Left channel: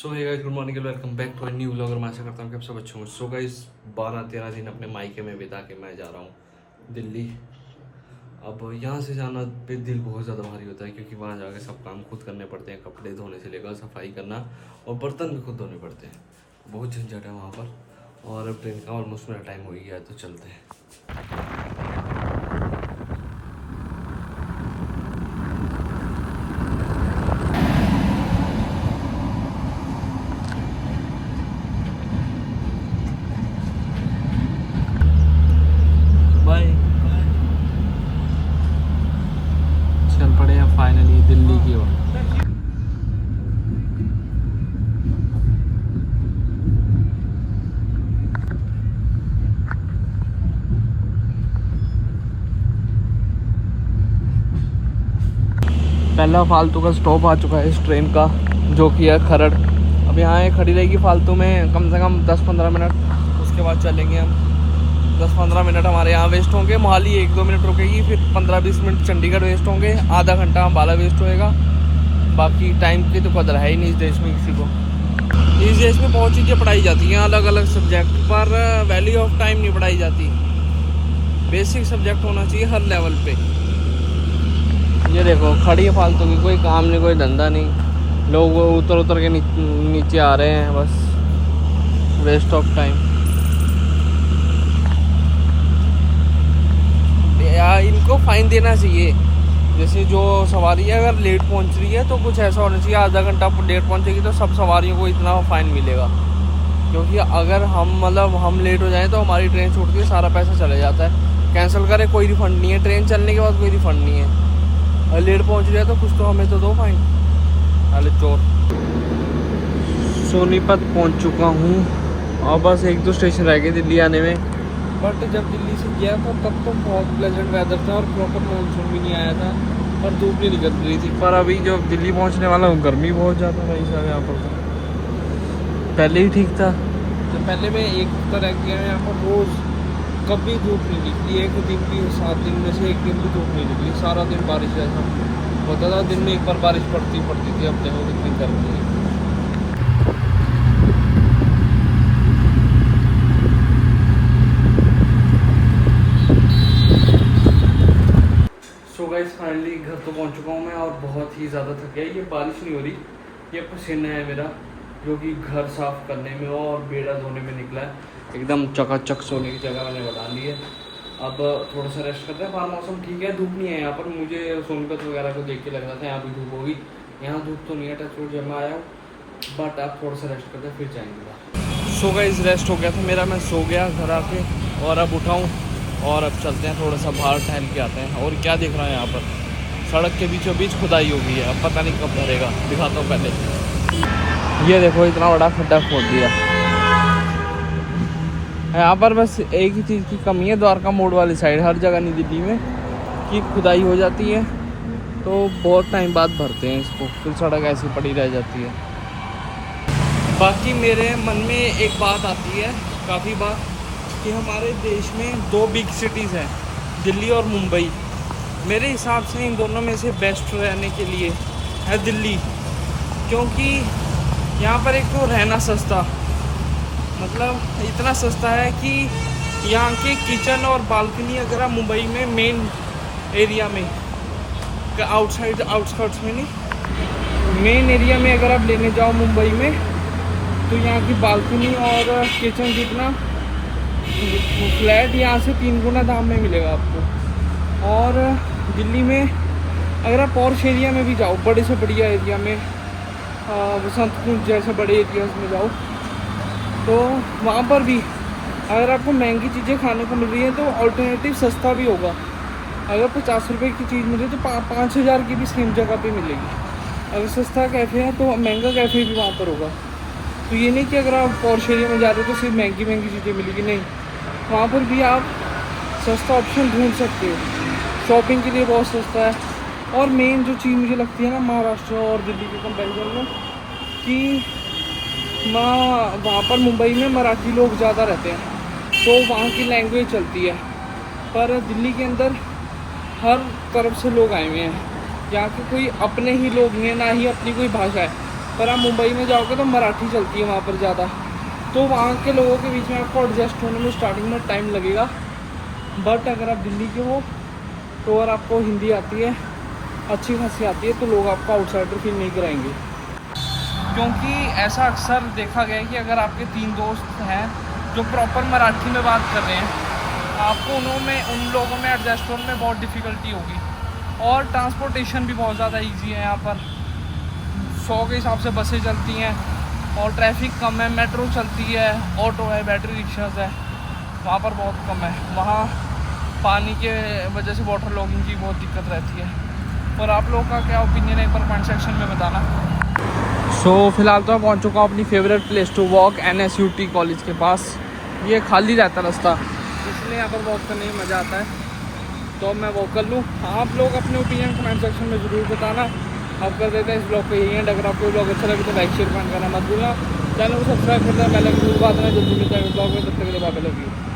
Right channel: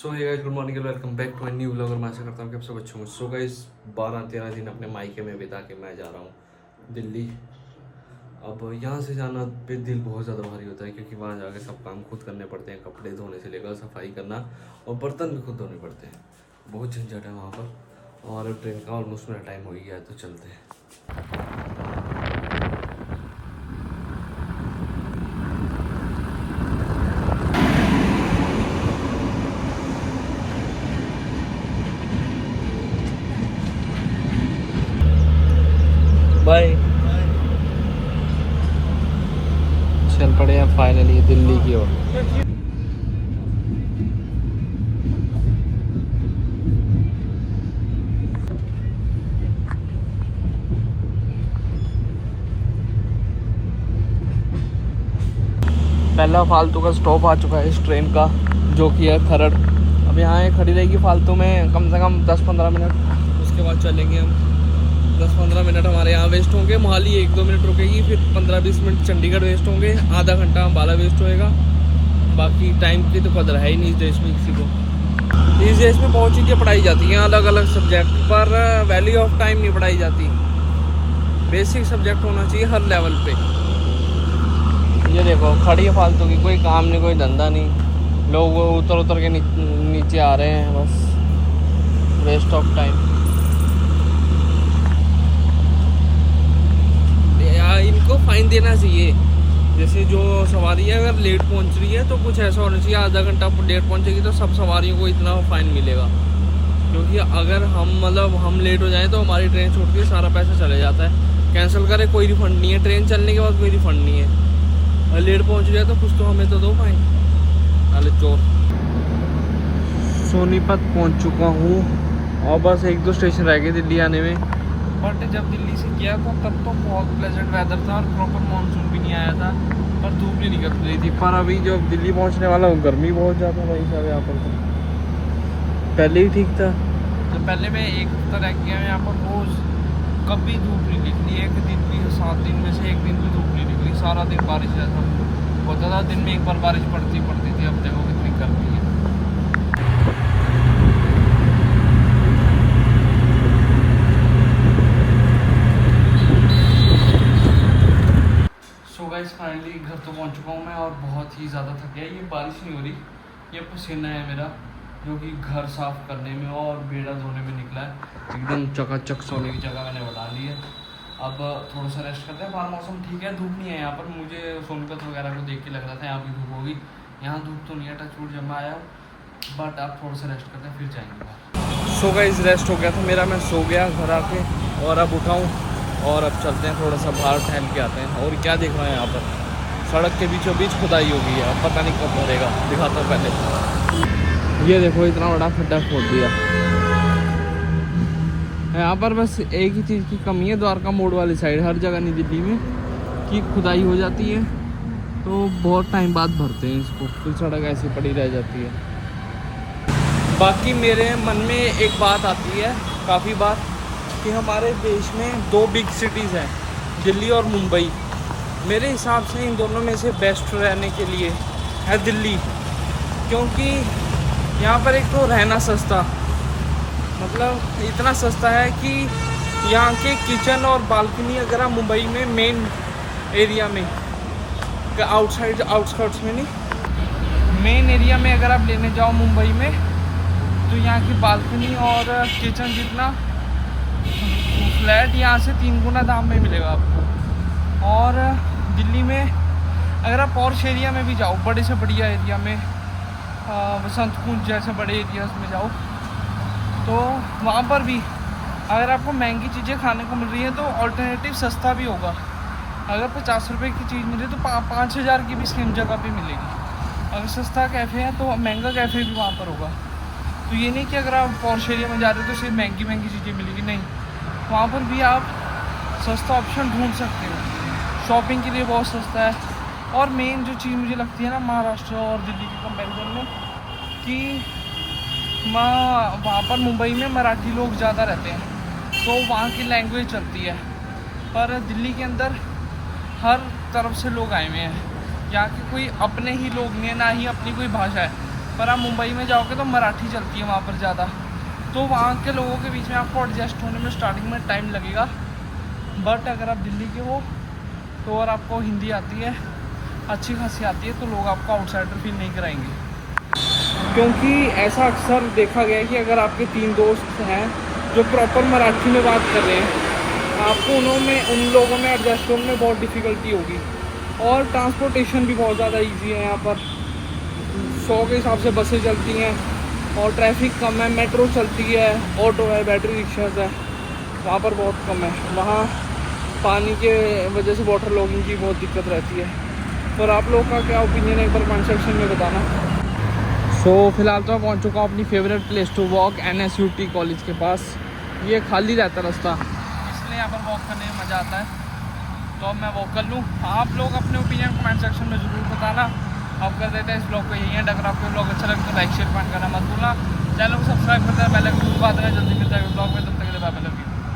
So hey guys, good morning, welcome back to my new vlog. और मैं आशा करता हूँ कि आप सब अच्छे होंगे। सो गाइस, 12-13 दिन अपने मायके में बिता के मैं जा रहा हूँ दिल्ली। अब यहाँ से जाना पे दिल बहुत ज़्यादा भारी होता है, क्योंकि वहाँ जाके सब काम खुद करने पड़ते हैं। कपड़े धोने से लेकर सफाई करना और बर्तन भी खुद धोने पड़ते हैं। बहुत झंझट है वहाँ पर। और अब ट्रेन का ऑलमोस्ट मेरा टाइम हो ही गया है, तो चलते हैं। बाय। चल पड़े हैं फाइनली दिल्ली की ओर। पहला फालतू का स्टॉप आ चुका है इस ट्रेन का, जो कि है खरड़। अब यहाँ खड़ी रहेगी फालतू में कम से कम 10-15 मिनट। उसके बाद चलेंगे हम। 10-15 मिनट हमारे यहाँ वेस्ट होंगे। मोहाली 1-2 मिनट रुकेगी, फिर 15-20 मिनट चंडीगढ़ वेस्ट होंगे, आधा घंटा अम्बाला वेस्ट होएगा। बाकी टाइम की तो कदर है ही नहीं इस देश में किसी को। इस देश में बहुत चीज़ें पढ़ाई जाती हैं अलग अलग सब्जेक्ट पर, वैल्यू ऑफ टाइम नहीं पढ़ाई जाती। बेसिक सब्जेक्ट होना चाहिए हर लेवल पे। ये देखो खड़ी है फालतू की, कोई काम नहीं, कोई धंधा नहीं। लोग वो उतर के नीचे आ रहे हैं, बस वेस्ट ऑफ टाइम। इनको फाइन देना चाहिए। जैसे जो सवारी है अगर लेट पहुंच रही है तो कुछ ऐसा होना चाहिए, आधा घंटा लेट पहुंचेगी तो सब सवारियों को इतना फाइन मिलेगा। क्योंकि अगर हम लेट हो जाएं तो हमारी ट्रेन छूट के सारा पैसा चले जाता है। कैंसिल करे कोई रिफंड नहीं है, ट्रेन चलने के बाद कोई रिफंड नहीं है। और लेट पहुंच जाए तो कुछ तो हमें तो दो फाइन। अरे चोर। सोनीपत पहुंच चुका हूँ और बस 1-2 स्टेशन रह गए दिल्ली आने में। बट जब दिल्ली से गया था तब तो बहुत प्लेजेंट वेदर था और प्रॉपर मानसून भी नहीं आया था और धूप भी निकल रही थी। पर अभी जो दिल्ली पहुंचने वाला हूँ गर्मी बहुत ज़्यादा है यहाँ पर। पहले ही ठीक था। जब पहले मैं एक हफ्ता रह गया यहाँ पर, रोज़ कभी धूप नहीं निकली। एक दिन भी 7 दिन में से एक दिन भी धूप नहीं निकली। सारा दिन बारिश जैसा होता था। दिन में एक बार बारिश पड़ती थी। अब देखो कितनी गर्मी है। सो गाइस, फाइनली घर तो पहुंच चुका हूँ मैं और बहुत ही ज़्यादा थक गया। ये बारिश नहीं हो रही, ये पसीना है मेरा, जो कि घर साफ करने में और बेड़ा धोने में निकला है। एकदम चकाचक सोने की जगह मैंने बना ली है। अब थोड़ा सा रेस्ट करते हैं। बाहर मौसम ठीक है, धूप नहीं है यहाँ पर। मुझे सोनपत वगैरह को देख के लग रहा था यहाँ भी धूप होगी। यहाँ धूप तो नहीं है, टचवुड जब मैं आया हूँ। बट अब थोड़ा सा रेस्ट करते हैं फिर जाएंगे। सो गाइस, रेस्ट हो गया था मेरा, मैं सो गया घर आके और अब उठाऊँ और अब चलते हैं थोड़ा सा बाहर टहल के आते हैं। और क्या देख रहे हैं यहाँ पर, सड़क के बीचों बीच खुदाई हो गई है। अब पता नहीं कब भरेगा, दिखाता हूँ पहले। ये देखो इतना बड़ा खड्डा खोद दिया यहाँ पर। बस एक ही चीज़ की कमी है द्वारका मोड़ वाली साइड, हर जगह नहीं दिल्ली में, कि खुदाई हो जाती है तो बहुत टाइम बाद भरते हैं इसको, फिर सड़क ऐसी पड़ी रह जाती है। बाकी मेरे मन में एक बात आती है काफ़ी बार कि हमारे देश में 2 बिग सिटीज़ हैं, दिल्ली और मुंबई। मेरे हिसाब से इन दोनों में से बेस्ट रहने के लिए है दिल्ली। क्योंकि यहाँ पर एक तो रहना सस्ता, मतलब इतना सस्ता है कि यहाँ के किचन और बालकनी अगर आप मुंबई में मेन एरिया में, आउटस्कर्ट्स में नहीं, मेन एरिया में अगर आप लेने जाओ मुंबई में, तो यहाँ की बालकनी और किचन जितना फ्लैट यहाँ से 3 गुना दाम में मिलेगा आपको। और दिल्ली में अगर आप पॉर्श एरिया में भी जाओ, बड़े से बढ़िया एरिया में, बसंतपुर जैसे बड़े एरियाज में जाओ, तो वहाँ पर भी अगर आपको महंगी चीज़ें खाने को मिल रही हैं तो अल्टरनेटिव सस्ता भी होगा। अगर 50 रुपये की चीज़ मिले तो 5,000 की भी सेम जगह पे मिलेगी। अगर सस्ता कैफ़े है तो महंगा कैफ़े भी वहाँ पर होगा। तो ये नहीं कि अगर आप पॉर्श एरिया में जा रहे हो तो सिर्फ महंगी चीज़ें मिलेगी, नहीं, वहाँ पर भी आप सस्ता ऑप्शन ढूंढ सकते हो। शॉपिंग के लिए बहुत सस्ता है। और मेन जो चीज़ मुझे लगती है ना महाराष्ट्र और दिल्ली के कंपैरिजन में, कि वहाँ पर मुंबई में मराठी लोग ज़्यादा रहते हैं तो वहाँ की लैंग्वेज चलती है। पर दिल्ली के अंदर हर तरफ से लोग आए हुए हैं, यहाँ के कोई अपने ही लोग नहीं है, ना ही अपनी कोई भाषा है। पर आप मुंबई में जाओगे तो मराठी चलती है वहाँ पर ज़्यादा, तो वहाँ के लोगों के बीच में आपको एडजस्ट होने में स्टार्टिंग में टाइम लगेगा। बट अगर आप दिल्ली के हो तो अगर आपको हिंदी आती है, अच्छी खासी आती है, तो लोग आपको आउटसाइडर फील नहीं कराएंगे। क्योंकि ऐसा अक्सर देखा गया है कि अगर आपके 3 दोस्त हैं जो प्रॉपर मराठी में बात कर रहे हैं, आपको उन लोगों में एडजस्ट होने में बहुत डिफ़िकल्टी होगी। और ट्रांसपोर्टेशन भी बहुत ज़्यादा इजी है यहाँ पर, 100 के हिसाब से बसें चलती हैं और ट्रैफिक कम है, मेट्रो चलती है, ऑटो है, बैटरी रिक्शाज है, वहाँ पर बहुत कम है। वहाँ पानी के वजह से वाटर लॉगिंग की बहुत दिक्कत रहती है। और आप लोग का क्या ओपिनियन है, एक बार कमेंट सेक्शन में बताना। फिलहाल तो मैं पहुँच चुका हूँ अपनी favourite place to walk, NSUT college के पास। ये खाली रहता रास्ता, इसलिए यहाँ पर वॉक करने में मज़ा आता है, तो अब मैं वॉक कर लूँ। आप लोग अपने ओपिनियन कमेंट सेक्शन में ज़रूर बताना। अब कर देते हैं इस ब्लॉग को यही एंड। अगर आपको ब्लॉग अच्छा लगे तो लाइक शेयर कमेंट करना मत भूलना। चैनल को सब्सक्राइब करना, बेल आइकन जरूर दबाना। जल्दी मिलता है ब्लॉग में, तब तक के लिए बाय बाय।